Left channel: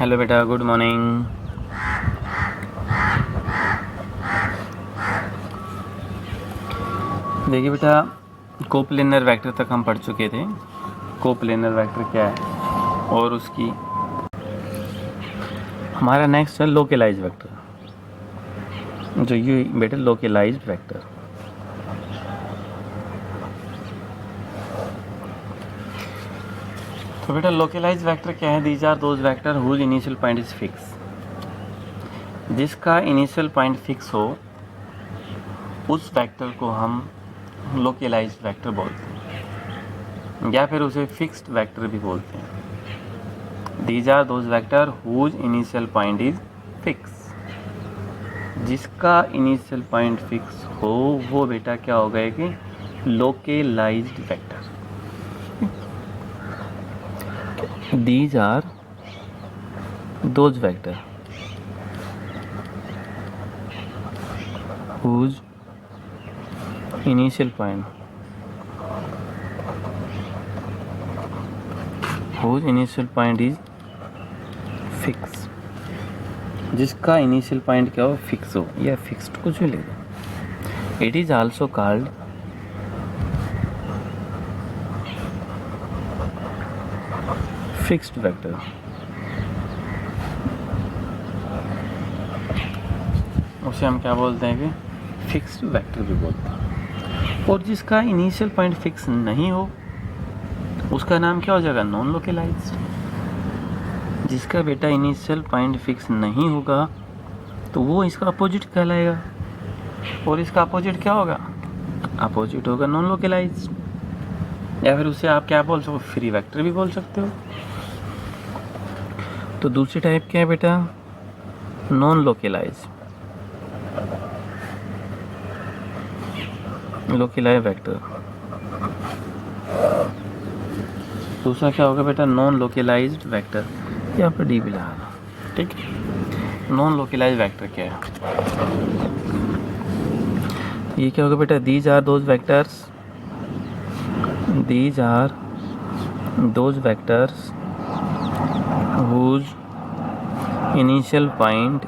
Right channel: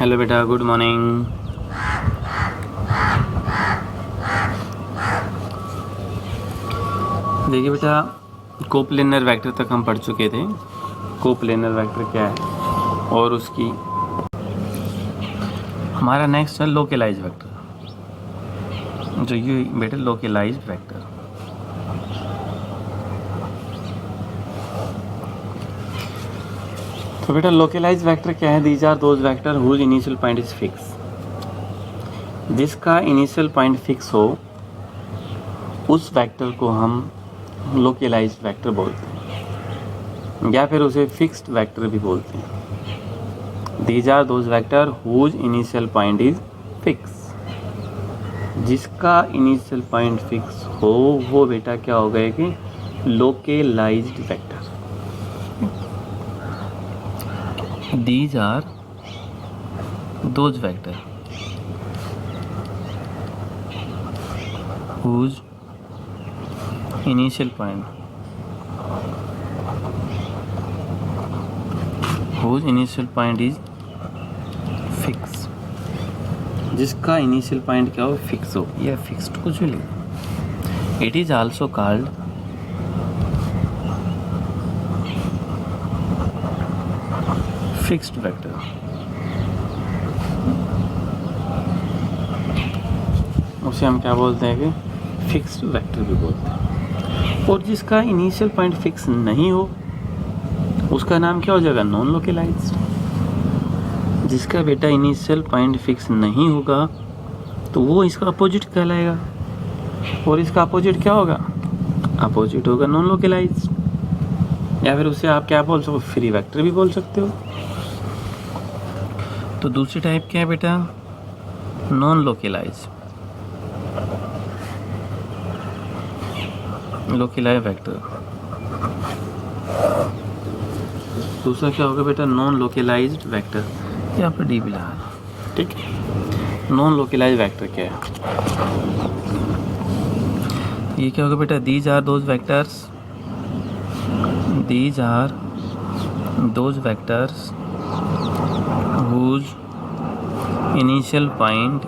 Hello बेटा, good morning. देखिए बेटा, कोप्लेनर वेक्टर तक हम पढ़ चुके थे। कोप्लेनर वेक्टर क्या है और उसकी हमारा नेक्स्ट है लोकलाइज वेक्टर। जो ये बेटा लोकलाइज वेक्टर, तो बेटा लोकलाइज वेक्टर क्या है? These are those vector whose initial point is fix. जिसका इनिशियल पॉइंट फिक्स हो उस वेक्टर को हम लोकलाइज वेक्टर बोलते हैं, या फिर उसे फिक्स्ड वेक्टर भी बोलते हैं। These are those vector whose initial point is fix. जिसका इनिशियल पॉइंट फिक्स हो वो बेटा क्या हो गया कि localized vector. These are those vector whose initial point is fix. जिसका इनिशियल पॉइंट क्या हो? फिक्स हो या फिक्स्ड, कुछ भी ले। It is also called fixed vector. उसे हम क्या बोलते हैं कि फिक्स्ड वेक्टर भी बोलते हैं। और जिसका इनिशियल पॉइंट फिक्स नहीं हो उसका नाम क्या हो जाएगा? Non localized. जिसका बेटा इनिशियल पॉइंट फिक्स नहीं होगा तो वो इसका अपोजिट कहलाएगा, और इसका अपोजिट क्या होगा? अपोजिट होगा नॉन लोकलाइज्ड, या फिर उसे आप क्या बोल सकते हो? फ्री वेक्टर भी बोल सकते हो। तो दूसरी टाइप क्या है बेटा? Non localized vector. दूसरा क्या होगा बेटा? Non localized vector. यहाँ पर डी भी लगाना, ठीक है। नॉन लोकलाइज्ड वेक्टर क्या है? ये क्या होगा बेटा? These are those vectors whose initial point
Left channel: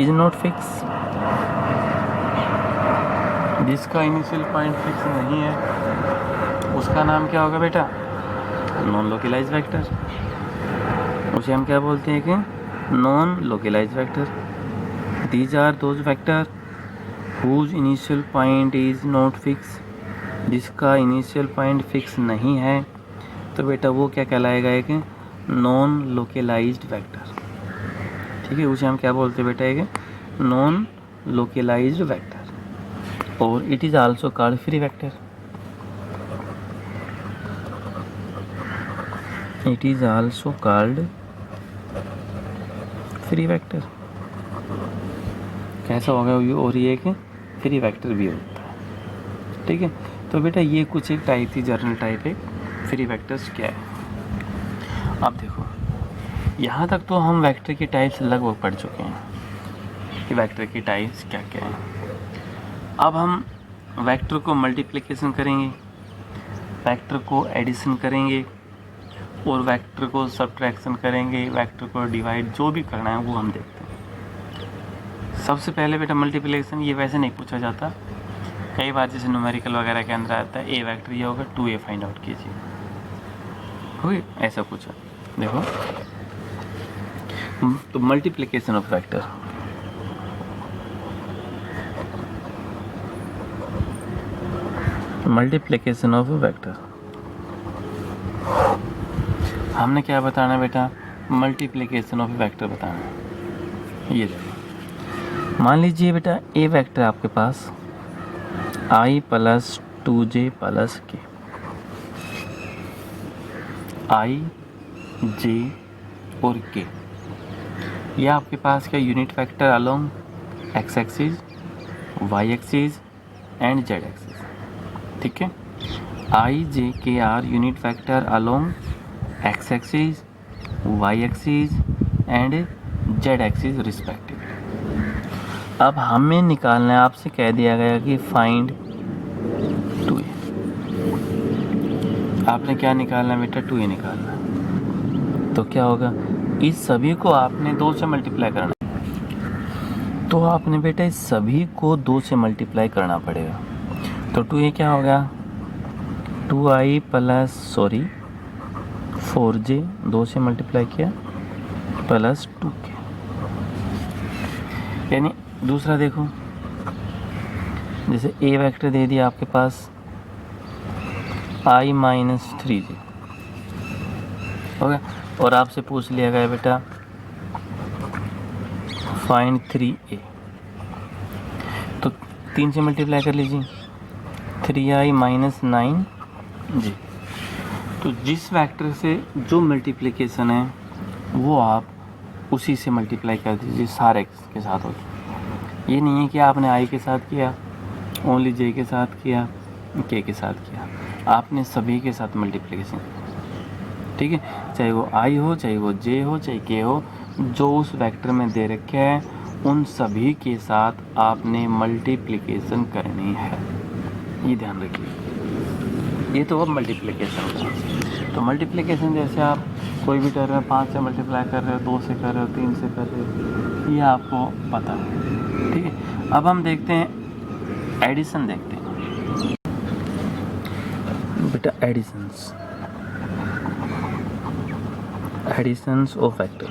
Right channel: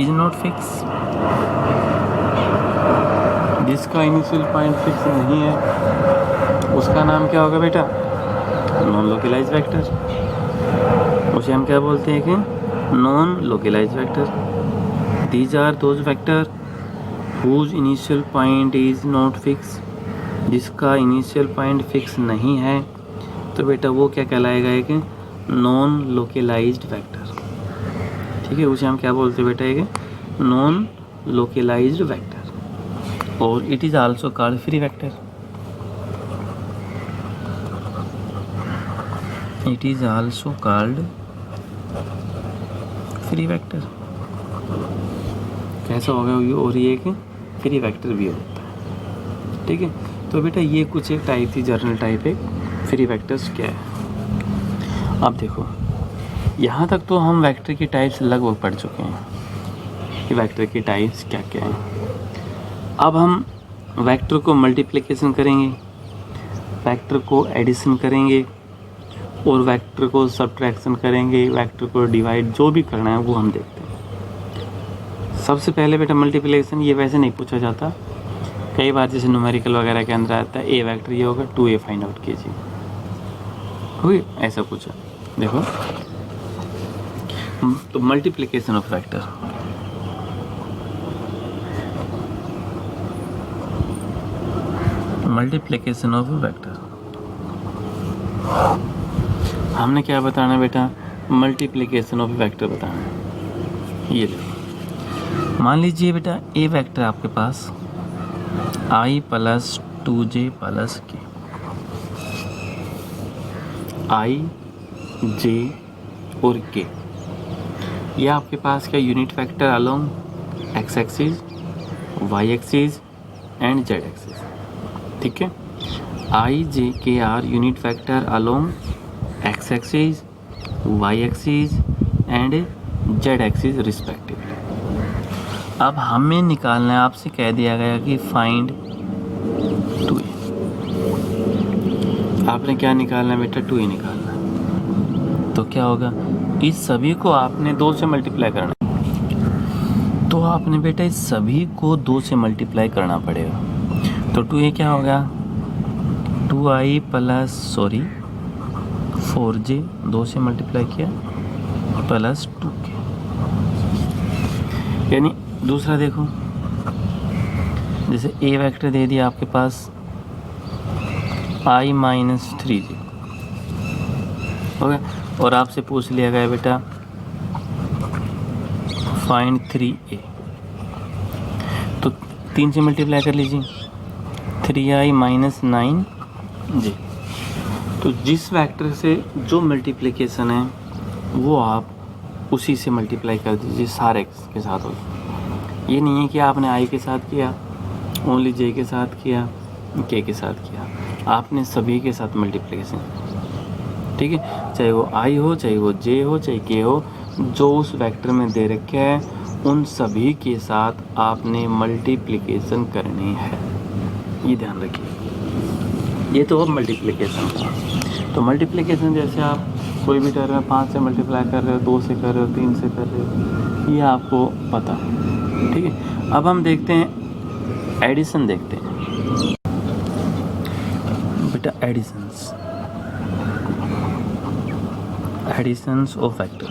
is not fix. जिसका इनिशियल पॉइंट फिक्स नहीं है उसका नाम क्या होगा बेटा? Non localize vector. उसे हम क्या बोलते हैं कि non localize vector. These are those vector whose initial point is not fix. जिसका इनिशियल पॉइंट फिक्स नहीं है तो बेटा वो क्या कहलाएगा? एक नॉन लोकलाइज्ड वेक्टर, ठीक है। उसे हम क्या बोलते हैं बेटा? एक नॉन लोकलाइज्ड वेक्टर। और it is also called free vector. It is also called free vector. कैसा होगा? और ये एक फ्री वेक्टर भी होता है, ठीक है। तो बेटा ये कुछ एक टाइप थी, जर्नल टाइप है। फ्री वेक्टर्स क्या है? अब देखो, यहाँ तक तो हम वेक्टर की टाइप्स लगभग पढ़ चुके हैं कि वेक्टर की टाइप्स क्या क्या है। अब हम वेक्टर को मल्टीप्लिकेशन करेंगे, वेक्टर को एडिशन करेंगे, और वेक्टर को सब्ट्रैक्शन करेंगे, वेक्टर को डिवाइड, जो भी करना है वो हम देखते हैं। सबसे पहले बेटा मल्टीप्लिकेशन, ये वैसे नहीं पूछा जाता। कई बार जैसे न्यूमेरिकल वगैरह के अंदर आता है ए वेक्टर ये होगा 2a फाइंड आउट कीजिए, हुई ऐसा कुछ है। देखो तो multiplication of vector, multiplication of vector, हमने क्या बताना है बेटा? मल्टीप्लिकेशन ऑफ वेक्टर बताना है। ये देखो, मान लीजिए बेटा ए वेक्टर आपके पास i + 2j + k, i, j और k, ये आपके पास क्या unit vector along X axis, Y axis and Z axis, ठीक है। i, j, k are unit vector along X axis, Y axis and Z axis respective. अब हमें निकालना है, आपसे कह दिया गया कि फाइंड 2a। आपने क्या निकालना है बेटा, 2a निकालना है। तो क्या होगा, इस सभी को आपने 2 से मल्टीप्लाई करना है। तो आपने बेटा इस सभी को 2 से मल्टीप्लाई करना पड़ेगा। तो 2a क्या होगा, 2i प्लस 4j 2 से मल्टीप्लाई किया प्लस 2k। यानी दूसरा देखो, जैसे a वेक्टर दे दिया आपके पास i माइनस 3j हो गया, और आपसे पूछ लिया गया बेटा फाइंड 3a। तो 3 से मल्टीप्लाई कर लीजिए, 3i माइनस 9j। तो जिस वेक्टर से जो मल्टीप्लिकेशन है वो आप उसी से मल्टीप्लाई कर दीजिए, सारे के साथ होगा। ये नहीं है कि आपने i के साथ किया, ओनली j के साथ किया, k के साथ किया, आपने सभी के साथ मल्टीप्लिकेशन, ठीक है। चाहे वो i हो, चाहे वो j हो, चाहे k हो, जो उस वेक्टर में दे रखे हैं उन सभी के साथ आपने मल्टीप्लिकेशन करनी है, ये ध्यान रखिए। ये तो अब मल्टीप्लिकेशन का। तो मल्टीप्लिकेशन जैसे आप कोई भी कर रहे हो, 5 से मल्टीप्लाई कर रहे हो, 2 से कर रहे हो, 3 से कर रहे हो, ये आपको पता है, ठीक है। अब हम देखते हैं एडिशन, देखते हैं बेटा एडिशंस ऑफ वेक्टर।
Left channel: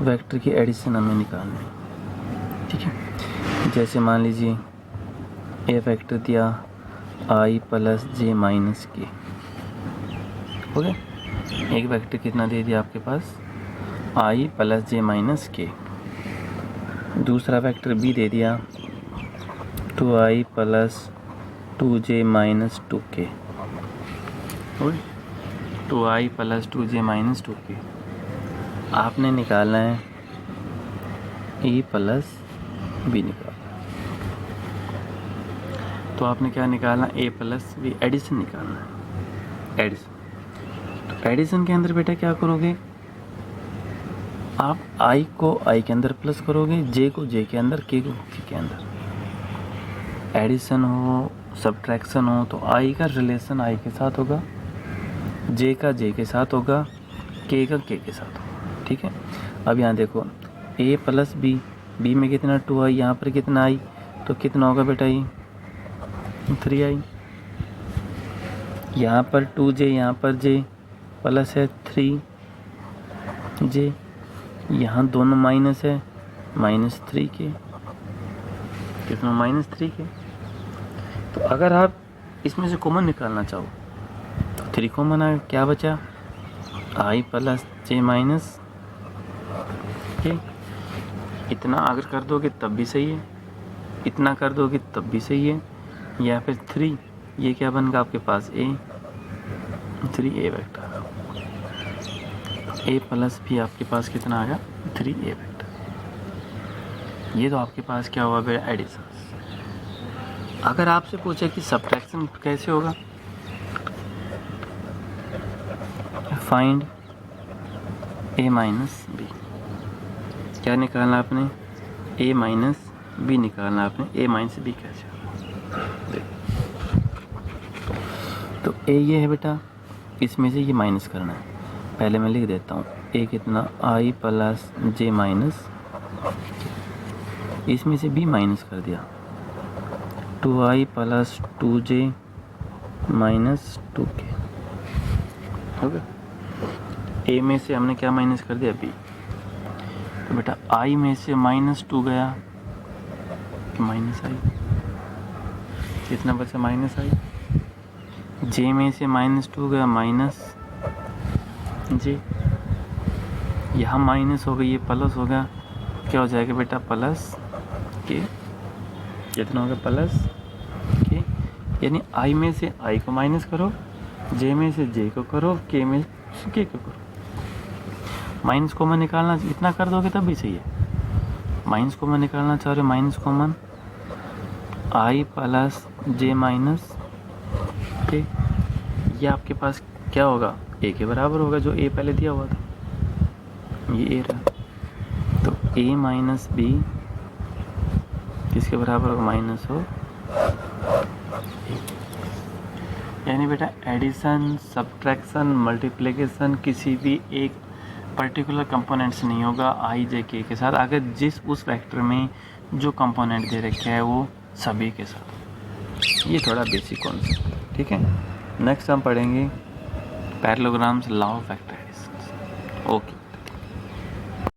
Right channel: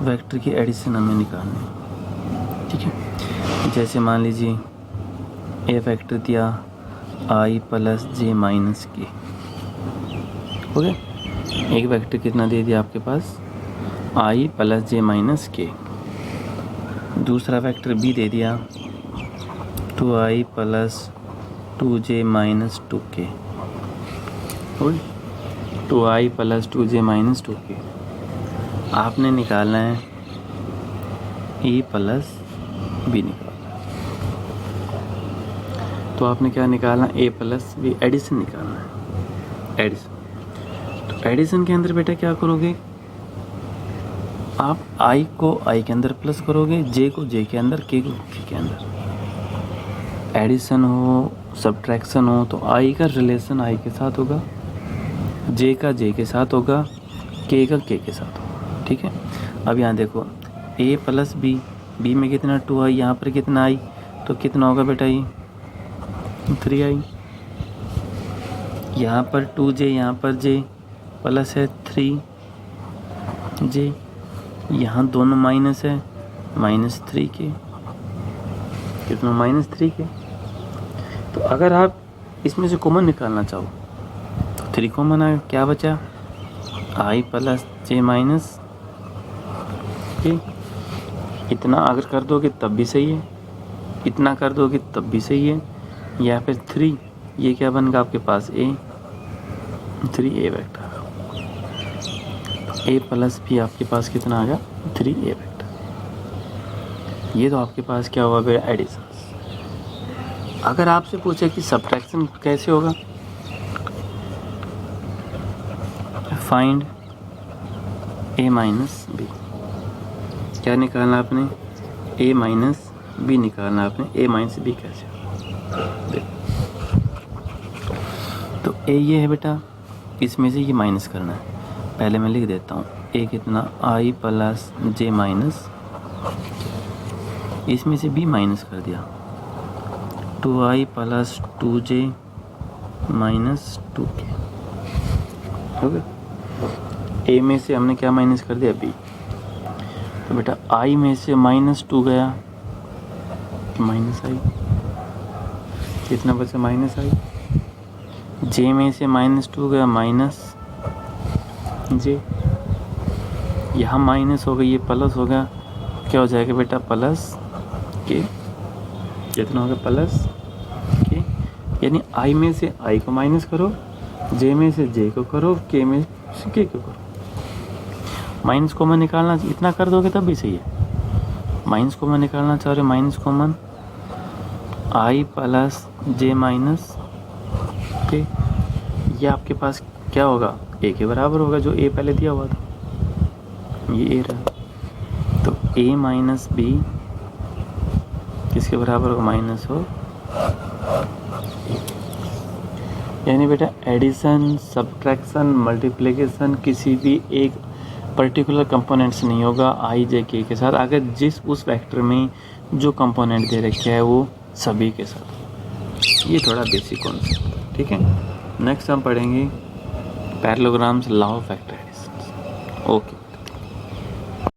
वेक्टर की एडिशन हमें निकालनी है, ठीक है। जैसे मान लीजिए ए वेक्टर दिया i plus j minus k, हो गया। एक वेक्टर कितना दे दिया आपके पास, i plus j minus k। दूसरा वेक्टर b दे दिया 2i plus 2j minus 2k, हो गया। 2i plus 2j minus 2k। आपने निकालना है e प्लस b निकालना। तो आपने क्या निकालना, a प्लस b, एडिशन निकालना है, एडिशन। तो एडिशन के अंदर बेटा क्या करोगे, आप i को i के अंदर प्लस करोगे, j को j के अंदर, k को k के अंदर। एडिशन हो, सब्ट्रैक्शन हो, तो i का रिलेशन i के साथ होगा, j का j के साथ होगा, k का k के साथ होगा, ठीक है। अब यहाँ देखो a प्लस b, b में कितना 2i, यहाँ पर कितना i, तो कितना होगा बेटा ये 3i। यहाँ पर 2j, यहाँ पर j प्लस है 3j, यहाँ दोनों माइनस है, माइनस 3k, कितना माइनस 3k। तो अगर आप इसमें से कॉमन निकालना चाहो तो 3 कॉमन आएगा, क्या बचा i plus j minus k। इतना अगर कर दोगे तब भी सही है, इतना कर दोगे तब भी सही है, या फिर 3, ये क्या बनेगा आपके पास a, 3a vector. a plus भी आपके पास कितना आ गया 3a वेक्टर। ये तो आपके पास क्या हुआ बेटा, एडिशन। अगर आपसे पूछे कि सब्ट्रैक्शन कैसे होगा, फाइंड a माइनस b, क्या निकालना आपने, a माइनस b निकालना आपने। a माइनस b कैसे, तो a ये है बेटा, इसमें से ये माइनस करना है। पहले मैं लिख देता हूँ, a कितना i प्लस j माइनस, इसमें से b माइनस कर दिया, 2i plus 2j minus 2k, हो गया। a में से हमने क्या माइनस कर दिया, b। तो बेटा i में से माइनस 2 गया तो माइनस i, कितना बचा माइनस i। j में से माइनस 2 गया माइनस j, यहाँ माइनस हो गई, ये प्लस हो गया, क्या हो जाएगा बेटा प्लस k, कितना होगा प्लस k। यानी i में से i को माइनस करो, j में से j को करो, k में से k को करो। माइनस कॉमन निकालना, इतना कर दोगे तब भी सही है। माइनस कॉमन निकालना चाह रहे, minus common i plus j minus k, ये आपके पास क्या होगा, a के बराबर होगा, जो a पहले दिया हुआ था, ये a रहा। तो a माइनस b किसके बराबर होगा, माइनस हो। यानी बेटा एडिशन, सब्ट्रैक्शन, मल्टीप्लिकेशन किसी भी एक पर्टिकुलर कंपोनेंट से नहीं होगा आई जे के साथ, अगर जिस उस वेक्टर में जो कंपोनेंट दे रखे है वो सभी के साथ। ये थोड़ा बेसिक कॉन्सेप्ट है, ठीक है। नेक्स्ट हम पढ़ेंगे parallelograms, law of vector addition. Okay.